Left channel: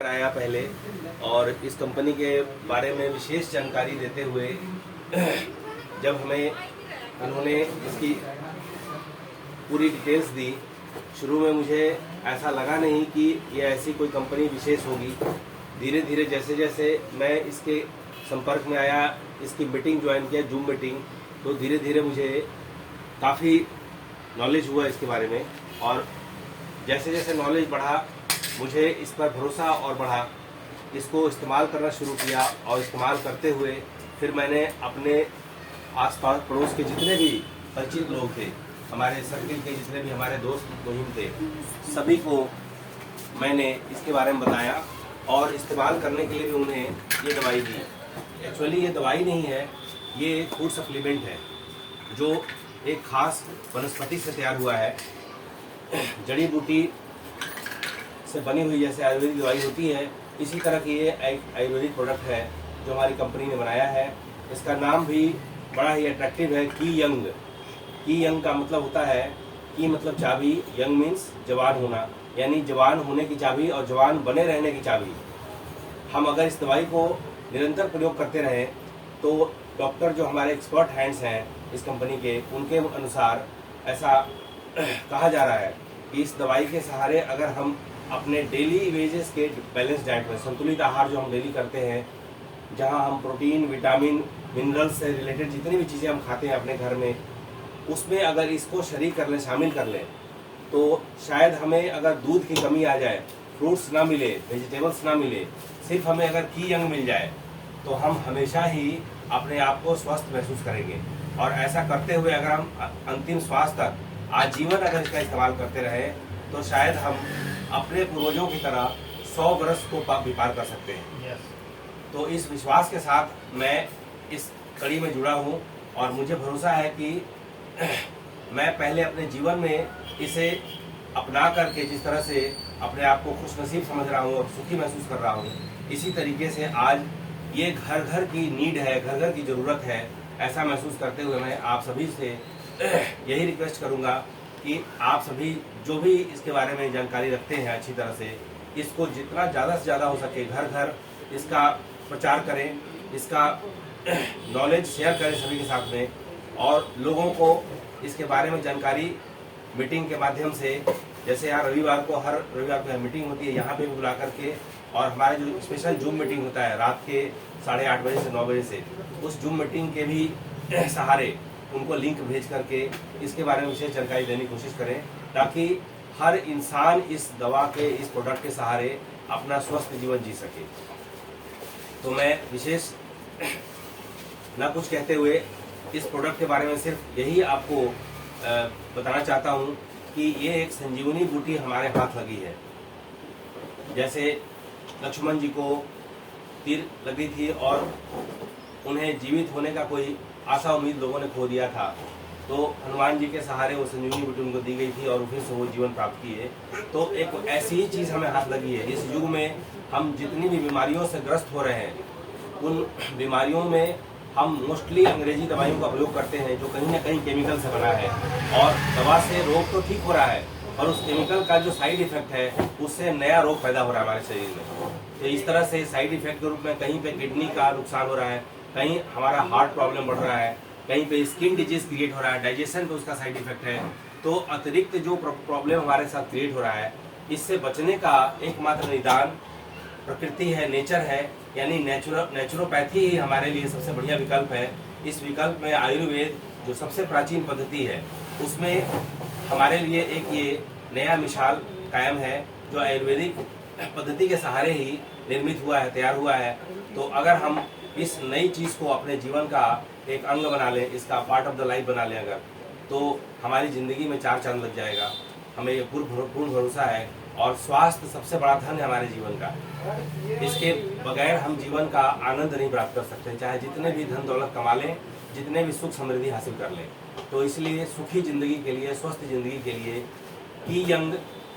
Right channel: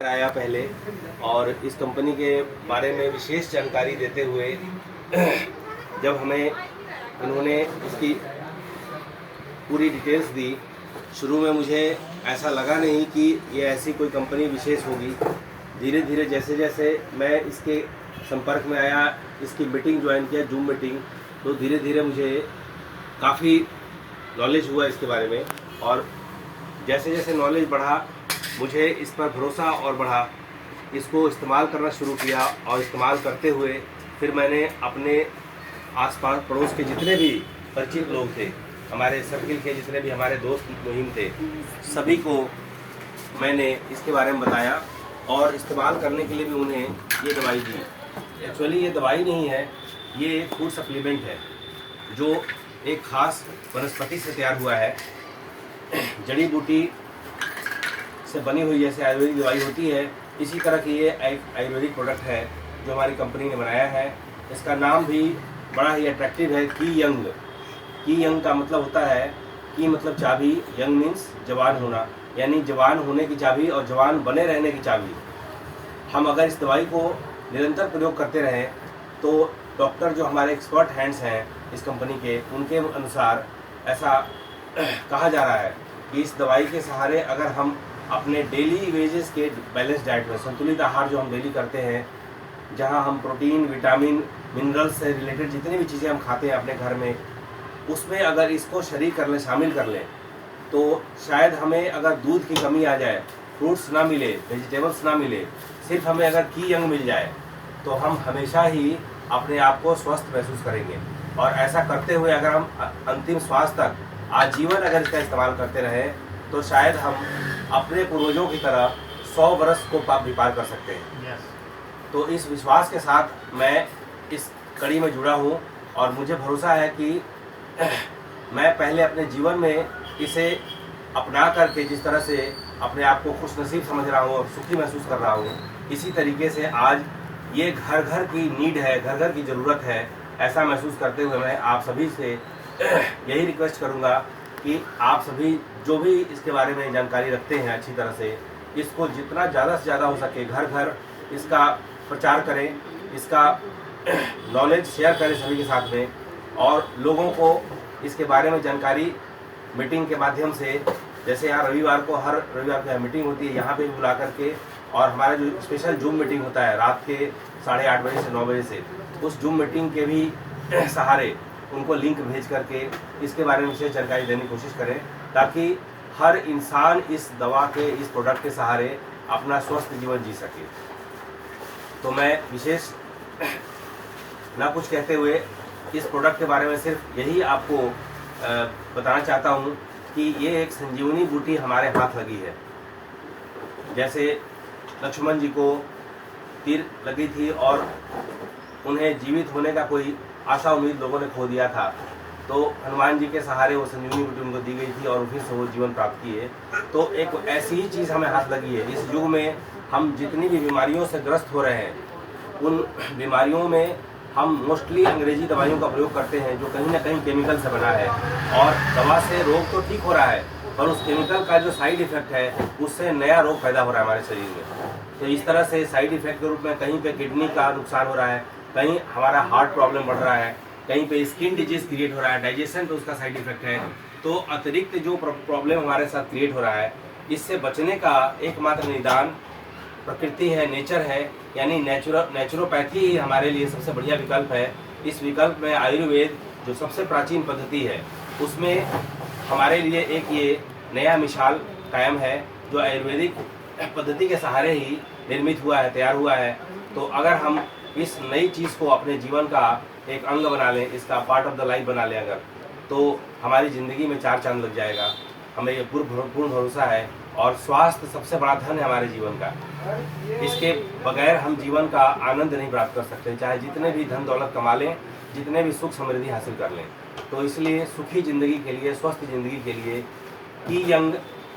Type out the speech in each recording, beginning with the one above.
आया पहले और इस कंपनी के बारे में विशेष जानकारी देते हुए जब हमें इन्होंने इसकी पूरी डिटेल्स दी, शुरू में मुझे ऐसा लगा नहीं कि ये ऐसी कोई कंपनी विशेष होगी। धीरे धीरे जैसे जैसे मैं इसके संपर्क में आया, इसकी मीटिंग ज्वाइन किया, जूम मीटिंग, तो धीरे धीरे मुझे काफ़ी नॉलेज हुआ इसके बारे में। और जैसे जैसे नॉलेज बढ़ा, मुझे इस पर भरोसा और बढ़ा। इसको इस्तेमाल करना शुरू किया और इस्तेमाल करते हुए फिर मैंने अपने आसपास पड़ोस के जितने भी परिचित लोग थे, हमारे सर्किल के जितने भी हमारे दोस्त मुहिम थे, सभी को मैंने इसके बारे में बताया और इस्तेमाल करने के लिए भी उन्हें ये दवाई दी। एक्चुअली ये दवाई नहीं है, ये फूड सप्लीमेंट है जो एक खास वनस्पति से तैयार हुआ है। जड़ी बूटी से बनी हुई जैसे आयुर्वेदिक दवाई होती है, इसी तरह की ये आयुर्वेदिक प्रोडक्ट है जो हमारी कंपनी ने बनाया है। इसका नाम भी बड़ा ही अट्रैक्टिव है, की यंग। की यंग का मतलब होता है, की मतलब चाबी, यंग मीन्स जवान होना, यानी जवान होने की चाबी और जवान बने रहने की चाबी। हम अगर इस दवाई को निरंतर प्रयोग करते रहें तो डॉक्टर जो हमारे एक्सपर्ट हैंड्स हैं इस कंपनी के, उनके अनुसार ऐसा कहा जा रहा है कि इस दवाई के सहारे अगर हम अपने डेली वेजेस के बैलेंस डाइट में, संतुलित आहार जो हम डेली करते हैं, जहां हम प्रोटीन, विटामिन, मिनरल्स से रिलेटेड जितनी भी चीज़ें हम खाते हैं अपने घर में, उसमें अगर इसको शरीक कर लें, शामिल कर लें, तो शायद हमें अगर दूध की कमी आ जाए, फ्रूट्स ना मिले, वेजिटेबल्स ना मिले, सिर्फ हमें अगर की यंग मिल जाए, तो हम हमेशा ही अपने आप को स्वस्थ महसूस करेंगे। और ऐसा करते हुए अगर हम अंतिम श्वास तक आजीवन अगर इसका इस्तेमाल करते रहे तो शायद हम अपने पूर्वजों की तरह 100 वर्ष को भी पार कर सकते हैं। तो इस विश्वास के साथ मैं इस कड़ी में जुड़ा हूँ और मुझे भरोसा है कि मैं पहले अपने जीवन में इसे अपना करके जिस तरह से अपने आप को खुशनसीब समझ रहा हूँ और सुखी महसूस कर रहा हूँ, इसी तरीके से आज ये घर घर की नीड है, घर घर की ज़रूरत है, ऐसा महसूस करते हुए मैं आप सभी से यही रिक्वेस्ट करूँगा कि आप सभी जो भी इसके बारे में जानकारी रखते हैं अच्छी तरह से, इसको जितना ज़्यादा से ज़्यादा हो सके घर घर इसका प्रचार करें, इसका नॉलेज शेयर करें सभी के साथ में, और लोगों को इसके बारे में जानकारी मीटिंग के माध्यम से, जैसे यहाँ रविवार को हर रविवार को मीटिंग होती है, यहाँ पे भी बुला करके, और हमारा जो स्पेशल जूम मीटिंग होता है रात के 8:30 बजे से 9 बजे से, उस जूम मीटिंग के भी सहारे उनको लिंक भेज करके इसके बारे में विशेष जानकारी देने की कोशिश करें, ताकि हर इंसान इस दवा के, इस प्रोडक्ट के सहारे अपना स्वस्थ जीवन जी सके। तो मैं विशेष ना कुछ कहते हुए इस प्रोडक्ट के बारे में सिर्फ यही आपको बताना चाहता हूँ कि ये एक संजीवनी बूटी हमारे हाथ लगी है। जैसे लक्ष्मण जी को तीर लगी थी और उन्हें जीवित होने का कोई आशा उम्मीद लोगों ने खो दिया था, तो हनुमान जी के सहारे वो संजीवनी बूटी उनको दी गई थी और फिर से वो जीवन प्राप्त किए। तो एक ऐसी ही चीज़ हमें हाथ लगी है। इस युग में हम जितनी भी बीमारियों से ग्रस्त हो रहे हैं, उन बीमारियों में हम मोस्टली अंग्रेजी दवाइयों का प्रयोग करते हैं जो कहीं ना कहीं केमिकल से बना है, और दवा से रोग तो ठीक हो रहा है पर उस केमिकल का जो साइड इफेक्ट है उससे नया रोग पैदा हो रहा है हमारे शरीर में। तो इस तरह से साइड इफेक्ट के रूप में कहीं पे किडनी का नुकसान हो रहा है, कहीं हमारा हार्ट प्रॉब्लम बढ़ रहा है, कहीं पे स्किन डिजीज क्रिएट हो रहा है, डाइजेशन तो उसका साइड इफेक्ट है। तो अतिरिक्त जो प्रॉब्लम हमारे साथ क्रिएट हो रहा है, इससे बचने का एकमात्र निदान प्रकृति है, नेचर है, यानी नेचुरोपैथी ही हमारे लिए सबसे बढ़िया विकल्प है। इस विकल्प में आयुर्वेद जो सबसे प्राचीन पद्धति है, उसमें हमारे लिए एक ये नया मिसाल कायम है जो आयुर्वेदिक पद्धति के सहारे ही निर्मित हुआ है, तैयार हुआ है। तो अगर हम इस नई चीज़ को अपने जीवन का एक अंग बना लें, इसका पार्ट ऑफ द लाइफ बना लें अगर, तो हमारी ज़िंदगी में 4 चांद लग जाएगा। हमें ये पूर्ण भरोसा है। और स्वास्थ्य सबसे बड़ा धन है हमारे जीवन का, इसके बगैर हम जीवन का आनंद नहीं प्राप्त कर सकते, चाहे जितने भी धन दौलत कमा लें, जितने भी सुख समृद्धि हासिल कर लें। तो इसलिए सुखी जिंदगी के लिए, स्वस्थ जिंदगी के लिए की यंग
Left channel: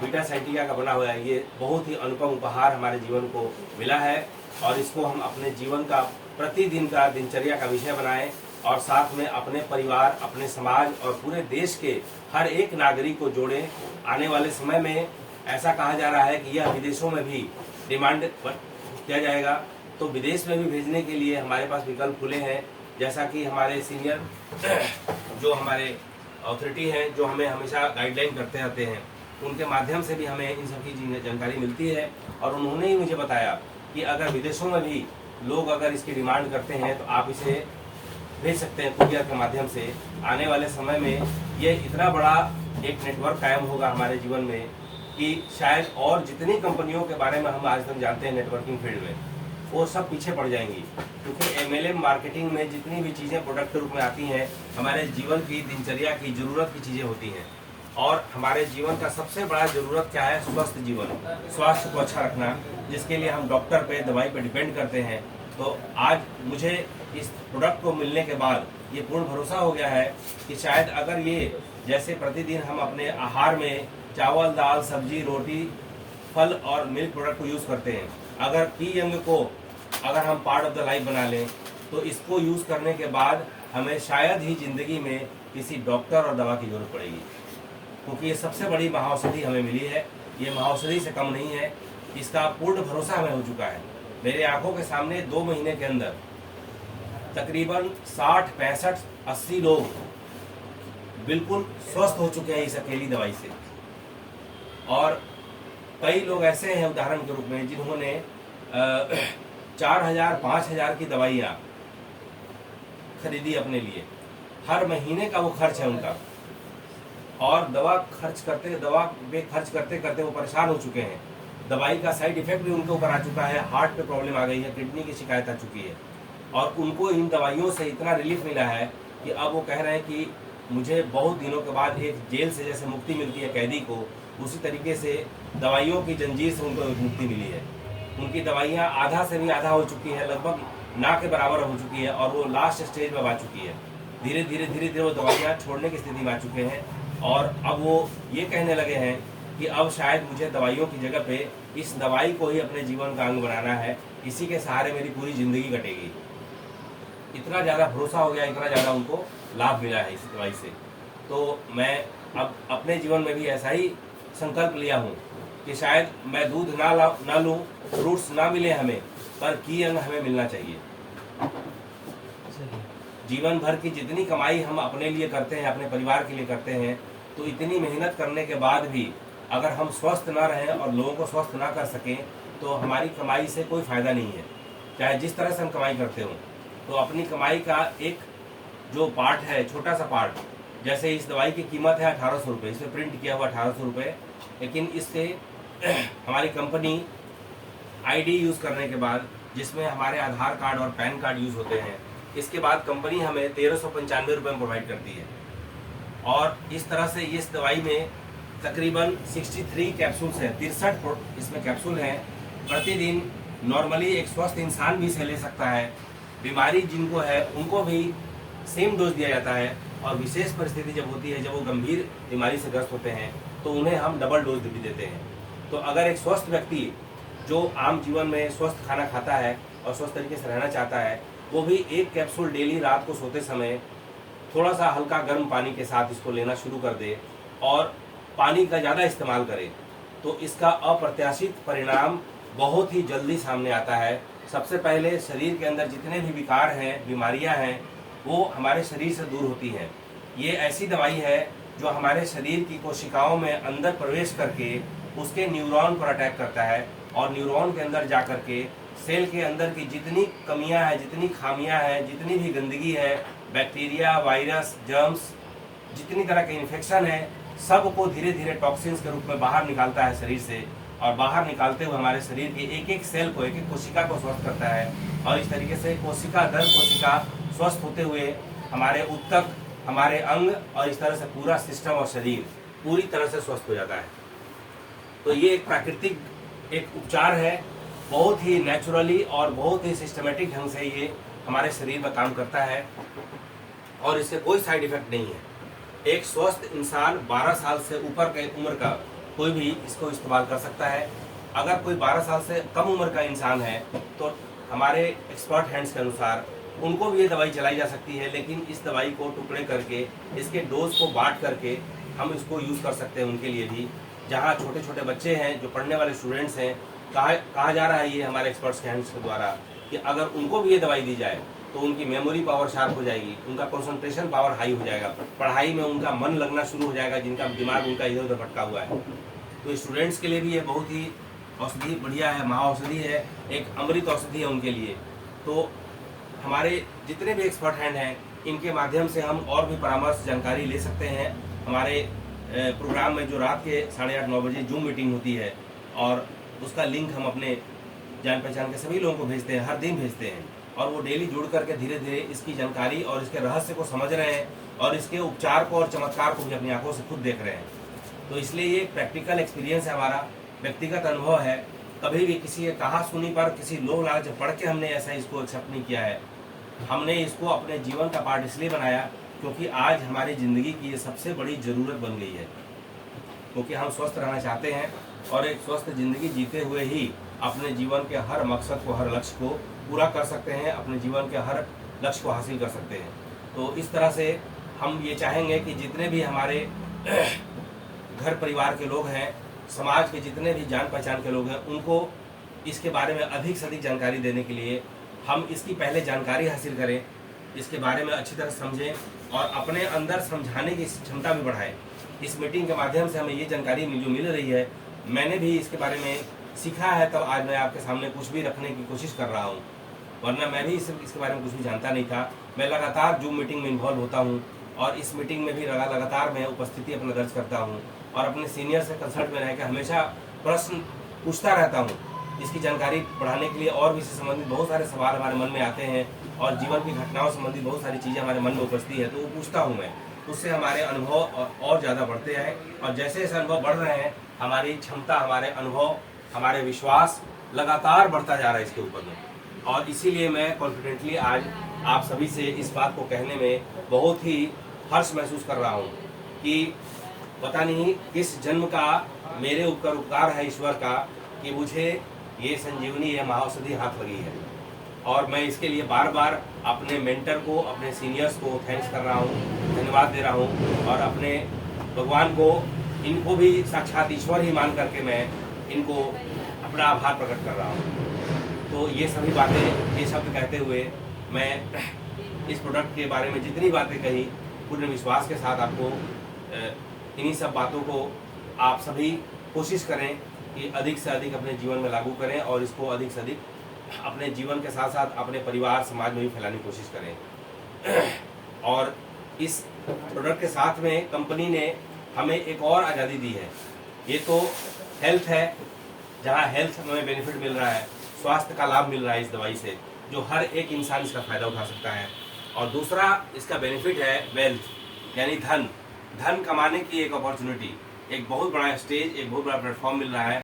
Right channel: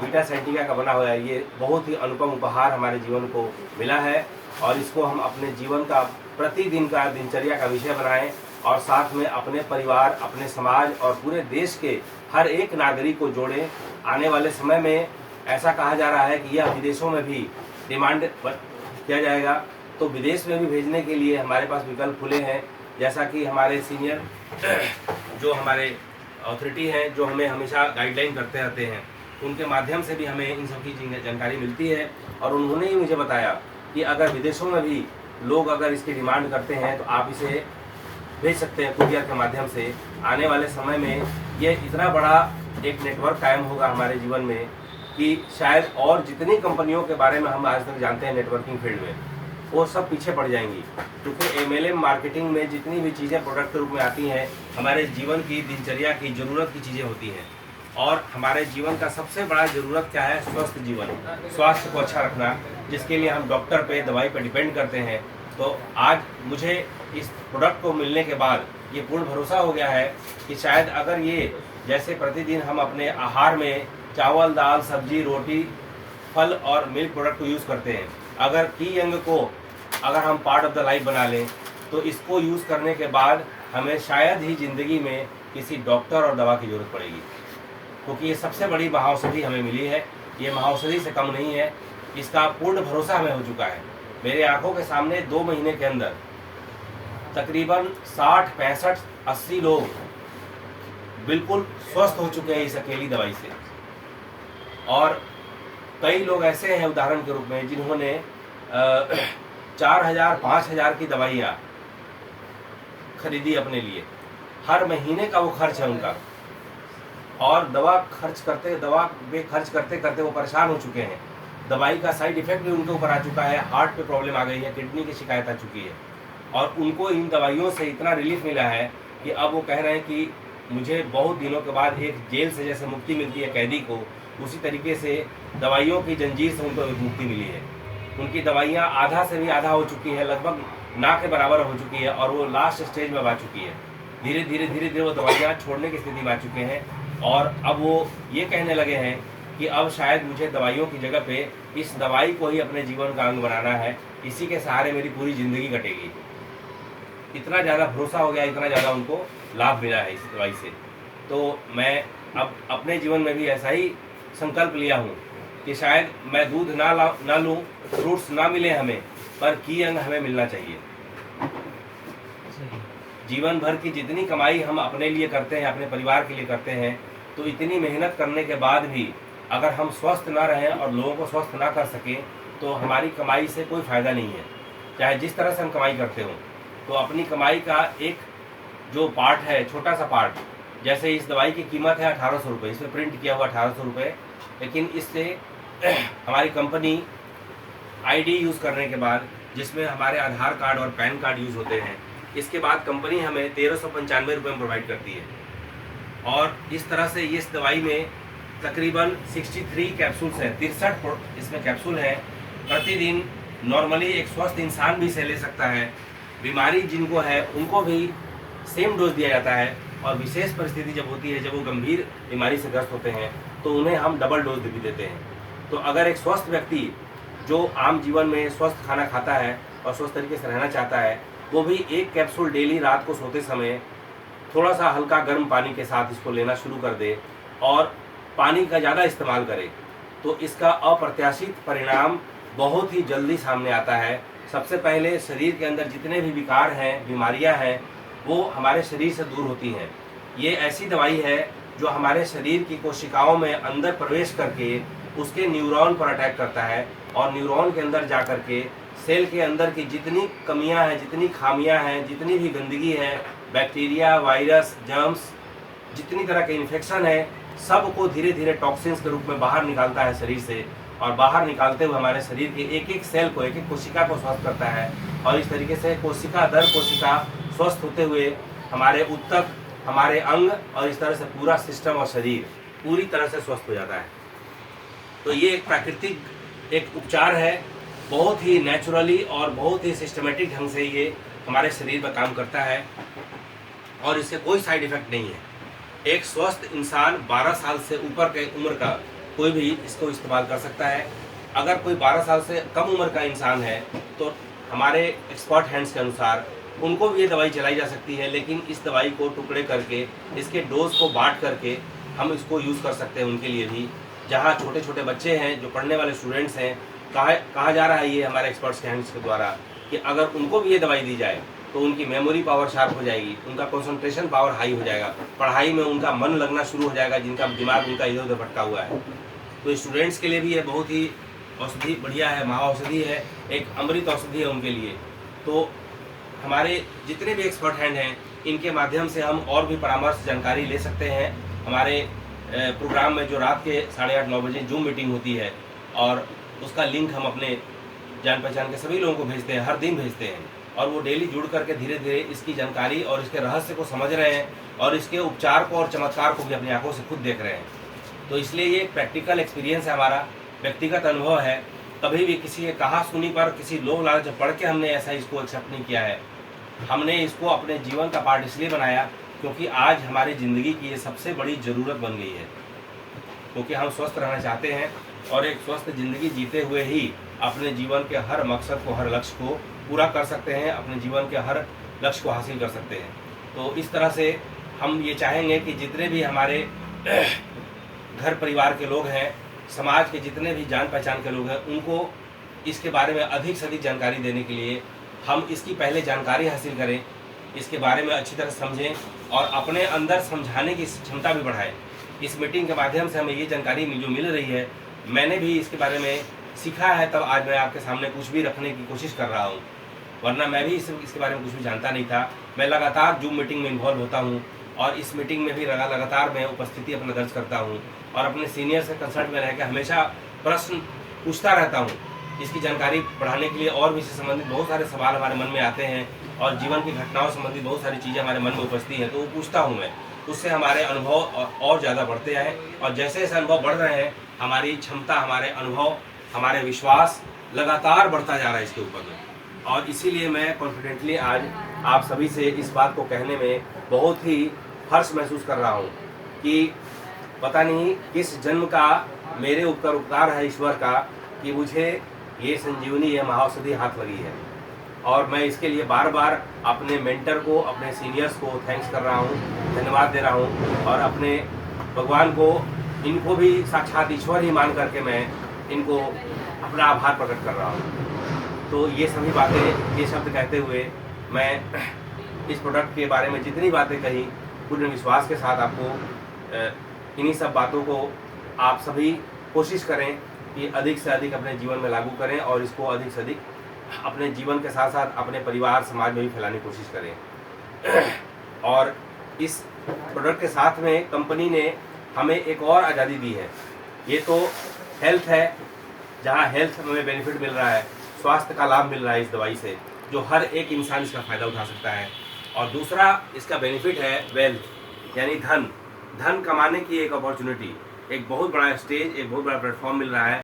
बीटा साइटिका का बना हुआ ये बहुत ही अनुपम उपहार हमारे जीवन को मिला है, और इसको हम अपने जीवन का प्रतिदिन का दिनचर्या का विषय बनाएं, और साथ में अपने परिवार, अपने समाज और पूरे देश के हर एक नागरिक को जोड़ें। आने वाले समय में ऐसा कहा जा रहा है कि यह विदेशों में भी डिमांड पर किया जाएगा तो विदेश में भी भेजने के लिए हमारे पास विकल्प खुले हैं। जैसा कि हमारे सीनियर जो हमारे अथॉरिटी हैं, जो हमें हमेशा गाइडलाइन करते रहते हैं, उनके माध्यम से भी हमें इन सब की जानकारी मिलती है। और उन्होंने ही मुझे बताया कि अगर विदेशों में भी लोग अगर इसकी डिमांड करते हैं तो आप इसे भेज सकते हैं कुरियर के माध्यम से। आने वाले समय में ये इतना बड़ा एक नेटवर्क कायम होगा हमारे जीवन में कि शायद और जितनी कंपनियों के बारे में हम आज तक जानते हैं नेटवर्किंग फील्ड में, वो सब पीछे पड़ जाएंगी। क्योंकि MLM मार्केटिंग में जितनी भी चीज़ें प्रोडक्ट के रूप में आती हैं, हमारे जीवन की दिनचर्या की जरूरत की चीज़ें होती हैं। और हमारे जीवन का सबसे बड़ा जरूरत क्या है? स्वस्थ जीवन, स्वास्थ्य को अच्छा रखना, जिसके लिए हम डॉक्टर पे, दवाई पे डिपेंड करते हैं। तो आज मुझे इस प्रोडक्ट को मिलने के बाद ये पूर्ण भरोसा हो गया है कि शायद अगर ये जैसे प्रतिदिन हम अपने आहार में चावल, दाल, सब्जी, रोटी, फल और मिल्क प्रोडक्ट को यूज करते हैं, अगर की अंग को अगर हम पार्ट ऑफ द लाइफ बना लें तो इसको यूज करने के बाद हमें शायद ही जिंदगी में किसी डॉक्टर और दवा की जरूरत पड़ेगी। क्योंकि ये सबसे बड़ी महाऔषधि हमें मिली है, ये महाऔषधि से कम नहीं है। इसका पूर्ण भरोसा हमें हो चुका है। मेरे आंखों के सामने 2 महीने के अंदर तकरीबन 60, 65, 80 लोग बिल्कुल स्वस्थ हो चुके हैं इस अकेली दवाई से। और कई लोग ऐसे हैं उदाहरण के रूप में जिन्होंने 4000, 5000 की दवाइयाँ खरीदी अपने लिए। हर महीने का वो खर्च है उनका, और दवा पे खर्च करते करते वो परेशान हो चुके हैं। दवाई का साइड इफेक्ट भी उनके ऊपर आ चुका है, हार्ट पे प्रॉब्लम आ गई है, किडनी की शिकायत आ चुकी है। और उनको इन दवाइयों से इतना रिलीफ मिला है कि अब वो कह रहे हैं कि मुझे बहुत दिनों के बाद एक जेल से जैसे मुक्ति मिलती है कैदी को, उसी तरीके से दवाइयों की जंजीर से उनको एक मुक्ति मिली है। उनकी दवाइयाँ आधा से भी आधा हो चुकी है, लगभग ना के बराबर हो चुकी है, और वो लास्ट स्टेज में आ चुकी है। धीरे धीरे वो दवाइयाँ छोड़ने की स्थिति में आ चुके हैं। और अब वो ये कहने लगे हैं कि अब शायद मुझे दवाइयों की जगह पे इस दवाई को ही अपने जीवन का अंग बनाना है, इसी के सहारे मेरी पूरी जिंदगी कटेगी। इतना ज़्यादा भरोसा हो गया, इतना ज़्यादा उनको लाभ मिला है इस दवाई से। तो मैं अब अपने जीवन में भी ऐसा ही संकल्प लिया हूँ कि शायद मैं दूध ना लूँ, फ्रूट्स ना मिले हमें, पर की अंग हमें मिलना चाहिए। जीवन भर की जितनी कमाई हम अपने लिए करते हैं, अपने परिवार के लिए करते हैं, तो इतनी मेहनत करने के बाद भी अगर हम स्वस्थ ना रहें और लोगों को स्वस्थ ना कर सकें तो हमारी कमाई से कोई फायदा नहीं है, चाहे जिस तरह से हम कमाई करते हो। तो अपनी कमाई का एक जो पार्ट है, छोटा सा पार्ट, जैसे इस दवाई की कीमत है 1800 रुपये, इसमें प्रिंट किया हुआ 1800 रुपये, लेकिन इससे हमारी कंपनी ID यूज़ करने के बाद, जिसमें हमारे आधार कार्ड और पैन कार्ड यूज़ होते हैं, इसके बाद कंपनी हमें 1395 रुपये में प्रोवाइड करती है। और इस तरह से इस दवाई में तकरीबन 63 कैप्सूल्स हैं, 63 इसमें कैप्सूल हैं। प्रतिदिन नॉर्मली एक स्वस्थ इंसान भी इसे ले सकता है, बीमारी जिनको है उनको भी सेम डोज दिया जाता है। और विशेष परिस्थिति जब होती है, जब वो गंभीर बीमारी से ग्रस्त होते हैं, तो उन्हें हम डबल डोज भी देते हैं। तो अगर एक स्वस्थ व्यक्ति जो आम जीवन में स्वस्थ खाना खाता है और स्वस्थ तरीके से रहना चाहता है, वो भी एक कैप्सूल डेली रात को सोते समय थोड़ा सा हल्का गर्म पानी के साथ इसको लेना शुरू कर दे और पानी का ज़्यादा इस्तेमाल करे, तो इसका अप्रत्याशित परिणाम बहुत ही जल्दी सामने आता है। सबसे पहले शरीर के अंदर जितने भी विकार हैं, बीमारियां हैं, वो हमारे शरीर से दूर होती हैं। ये ऐसी दवाई है जो हमारे शरीर की कोशिकाओं में अंदर प्रवेश करके उसके न्यूरॉन पर अटैक करता है, और न्यूरॉन के अंदर जा करके सेल के अंदर की जितनी कमियां हैं, जितनी खामियां हैं, जितनी भी गंदगी है, बैक्टीरिया, वायरस, जर्म्स, जितनी तरह के इन्फेक्शन है, सब को धीरे धीरे टॉक्सिन्स के रूप में बाहर निकालता है शरीर से। और बाहर निकालते हुए हमारे शरीर के एक एक सेल को, एक एक कोशिका को स्वस्थ करता है। और इस तरीके से कोशिका दर कोशिका स्वस्थ होते हुए हमारे ऊतक, हमारे अंग और इस तरह से पूरा सिस्टम और शरीर पूरी तरह से स्वस्थ हो जाता है। तो ये एक प्राकृतिक एक उपचार है, बहुत ही नेचुरली और बहुत ही सिस्टमेटिक ढंग से ये हमारे शरीर में काम करता है, और इससे कोई साइड इफेक्ट नहीं है। एक स्वस्थ इंसान 12 साल से ऊपर के उम्र का कोई भी इसको इस्तेमाल कर सकता है। अगर कोई 12 साल से कम उम्र का इंसान है तो हमारे एक्सपर्ट हैंड्स के अनुसार उनको भी ये दवाई चलाई जा सकती है, लेकिन इस दवाई को टुकड़े करके, इसके डोज को बांट करके हम इसको यूज़ कर सकते हैं उनके लिए भी। जहाँ छोटे छोटे बच्चे हैं, जो पढ़ने वाले स्टूडेंट्स हैं, कहा जा रहा है ये हमारे एक्सपर्ट्स के हैंड्स के द्वारा कि अगर उनको भी ये दवाई दी जाए तो उनकी मेमोरी पावर शार्प हो जाएगी, उनका कंसंट्रेशन पावर हाई हो जाएगा, पढ़ाई में उनका मन लगना शुरू हो जाएगा, जिनका दिमाग उनका इधर उधर भटका हुआ है। तो स्टूडेंट्स के लिए भी ये बहुत ही औषधि बढ़िया है, महाऔषधि है, एक अमृत औषधि है उनके लिए। तो हमारे जितने भी एक्सपर्ट हैंड हैं इनके माध्यम से हम और भी परामर्श जानकारी ले सकते हैं। हमारे प्रोग्राम में जो रात के 8:30-9 बजे जूम मीटिंग होती है और उसका लिंक हम अपने जान पहचान के सभी लोगों को भेजते हैं, हर दिन भेजते हैं, और वो डेली जुड़ करके धीरे धीरे इसकी जानकारी और इसके रहस्य को समझ रहे हैं और इसके उपचार को और चमत्कार को भी अपनी आंखों से खुद देख रहे हैं। तो इसलिए ये प्रैक्टिकल एक्सपीरियंस है, हमारा व्यक्तिगत अनुभव है। कभी भी किसी के कहा सुनी पर, किसी लोग लालच पढ़ के हमने ऐसा इसको एक्सेप्ट नहीं किया है। हमने इसको अपने जीवन का पार्ट इसलिए बनाया क्योंकि आज हमारी ज़िंदगी की ये सबसे बड़ी ज़रूरत बन गई है, क्योंकि हम स्वस्थ रहना चाहते हैं और एक स्वस्थ ज़िंदगी जीते हुए ही अपने जीवन के हर मकसद को, हर लक्ष्य को पूरा कर सकते हैं, अपने जीवन के हर लक्ष्य को हासिल कर सकते हैं। तो इस तरह से हम ये चाहेंगे कि जितने भी हमारे घर परिवार के लोग हैं, समाज के जितने भी जान पहचान के लोग हैं, उनको इसके बारे में अधिक से अधिक जानकारी देने के लिए हम इसकी पहले जानकारी हासिल करें, इसके बारे में अच्छी तरह समझें और अपने अंदर समझाने की क्षमता भी बढ़ाएं। इस मीटिंग के माध्यम से हमें ये जानकारी जो मिल रही है, मैंने भी इसके बारे में सीखा है, तब आज मैं आपके सामने कुछ भी रखने की कोशिश कर रहा हूँ, वरना मैं भी इसके बारे में कुछ भी जानता नहीं था। मैं लगातार जूम मीटिंग में इन्वॉल्व होता हूँ और इस मीटिंग में भी लगातार मैं उपस्थिति अपना दर्ज करता हूँ और अपने सीनियर से कंसल्ट में रहकर हमेशा प्रश्न पूछता रहता हूँ। इसकी जानकारी बढ़ाने के लिए और भी इससे संबंधित बहुत सारे सवाल हमारे मन में आते हैं और जीवन की घटनाओं संबंधित बहुत सारी चीज़ें हमारे मन में उपजती है, तो वो पूछता हूँ मैं, उससे हमारे अनुभव और ज़्यादा बढ़ते हैं और जैसे जैसे अनुभव बढ़ रहे हैं हमारी क्षमता, हमारे अनुभव, हमारे विश्वास लगातार बढ़ता जा रहा है इसके ऊपर में। और इसीलिए मैं कॉन्फिडेंटली आज आप सभी से इस बात को कहने में बहुत ही हर्ष महसूस कर रहा हूँ कि पता नहीं किस जन्म का मेरे ऊपर उपकार है ईश्वर का कि मुझे ये संजीवनी, ये महाऔषधि हाथ लगी है। और मैं इसके लिए बार बार अपने मेंटर को, अपने सीनियर्स को थैंक्स कर रहा हूँ, धन्यवाद दे रहा हूँ और अपने भगवान को, इनको भी साक्षात ईश्वर ही मान करके मैं इनको अपना आभार प्रकट कर रहा हूँ। तो ये सभी बातें, ये शब्द कहते हुए मैं इस प्रोडक्ट के बारे में जितनी बातें कही पूर्ण विश्वास के साथ आपको इन्हीं सब बातों को आप सभी कोशिश करें कि अधिक से अधिक अपने जीवन में लागू करें और इसको अधिक से अधिक अपने जीवन के साथ साथ अपने परिवार, समाज में भी फैलाने की कोशिश करें। और इस प्रोडक्ट के साथ में कंपनी ने हमें एक और आज़ादी दी है। ये तो हेल्थ है, जहाँ हेल्थ हमें बेनिफिट मिल रहा है, स्वास्थ्य का लाभ मिल रहा है इस दवाई से, जो हर एक इंसान इसका फ़ायदा उठा सकता है। और दूसरा इसका बेनिफिट है वेल्थ, यानी धन कमाने की एक अपॉर्चुनिटी, एक बहुत बड़ा स्टेज, एक बहुत बड़ा प्लेटफॉर्म मिल रहा है।